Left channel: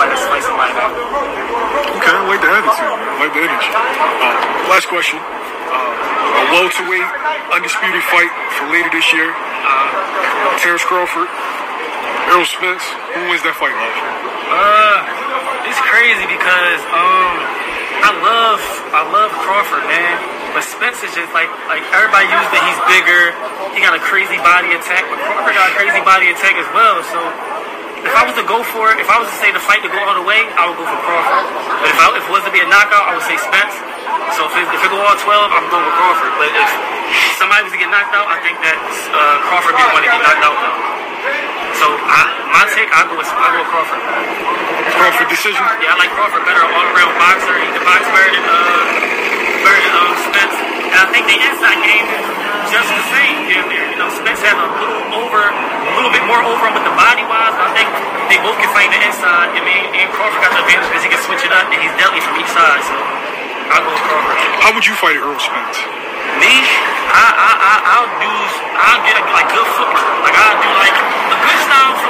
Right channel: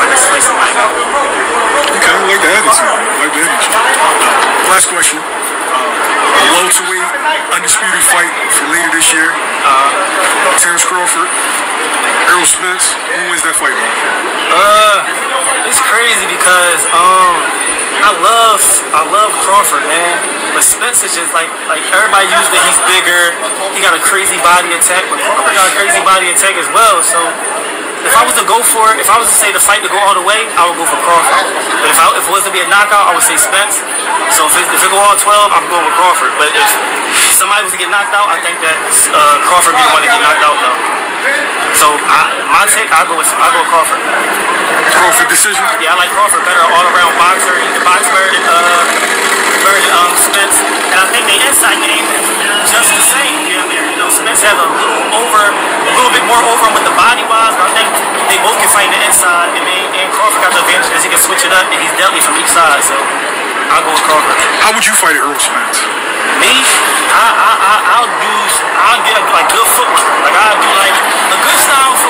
if I just fight somebody now. Okay, I like the attitude. I like the energy. Last question. A welterweight undisputed fight for later this year. Terence Crawford, Errol Spence. Who wins that fight, Bob? It's crazy because I love Crawford, man. But Spence is just like everybody used that he's bigger. He got a crazy body attack, but Crawford got a crazy body attack as well. So if I was to go for it, if I was to say the fight to go all the way, I would go for Crawford. But if it was to be a knockout, I would say Spence. So if it go all 12, I'm going with Crawford. But if somebody was to get knocked out, I think that Crawford be the one to get knocked out though. So my take, I go with Crawford. Crawford decision? Yeah, I like Crawford better, all-around boxer. He can box better than Spence. And I think the inside game is just the same damn near. You know, Spence has a little bit more over him with the body-wise, but I think they both can fight the inside. I mean, and Crawford got the advantage because he can switch it up, and he's deadly from each side. So I'll go with Crawford. How would you fight Errol Spence? Me? I'll get like good footwork. Like I'll do like a good style for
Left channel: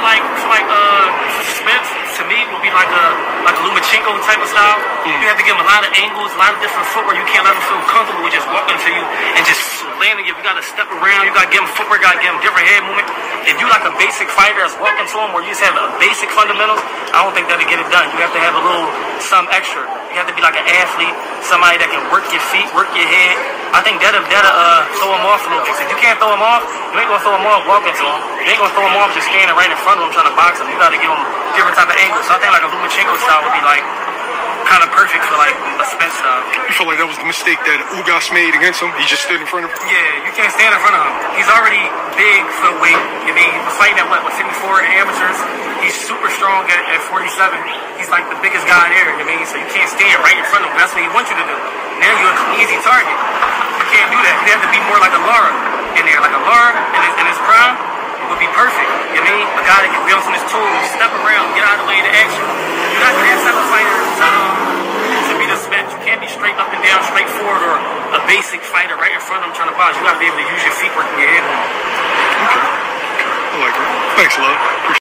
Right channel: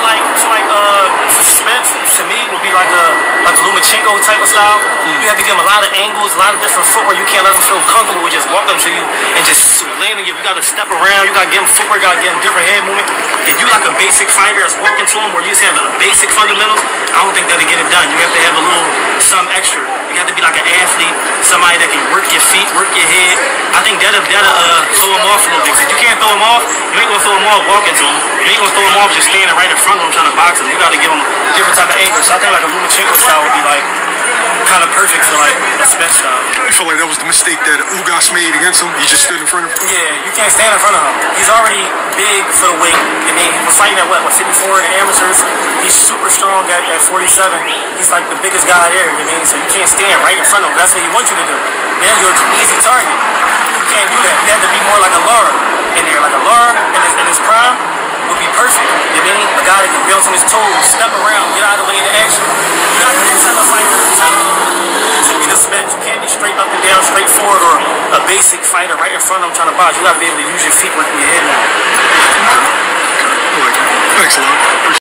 Spence. To me, would be like a LOMACHENKO type of style. You have to give him a lot of angles, a lot of different footwork. You can't let him feel comfortable with just walking to you and just landing you. You got to step around. You got to give him footwork. You got to give him different head movement. If you like a basic fighter that's walking to him where you just have the basic fundamentals, I don't think that'll get it done. You have to have a little some extra. You have to be like an athlete, somebody that can work your feet, work your head. I think that'll throw him off a little bit. If you can't throw him off, you ain't gonna throw him off walking to him. You ain't gonna throw him off just standing right in front of him trying to box him. You gotta give him different type of angles. So I think like a LOMACHENKO style would be like kind of perfect for like a Spence style. You feel like that was the mistake that Ugas made against him? He just stood in front of him? Yeah, you can't stand in front of him. He's already big for the weight. I mean, he was fighting at what 54 in the amateurs. He's super strong at 47. He's like the biggest guy there, you mean? So you can't stand right in front of him. That's what he wants you to do. Man, you're an easy target. You can't do that. You have to be more like a Lara in there. Like a Lara in his prime would be perfect. You mean? A guy that can bounce on his toes, step around, get out of the way in the action. You got that type of fighter to be the Spence. You can't be straight up and down, straightforward, or a basic fighter right in front of him trying to box. You got to be able to use your feet working your head now. Okay. I like it. Thanks a lot. Appreciate it.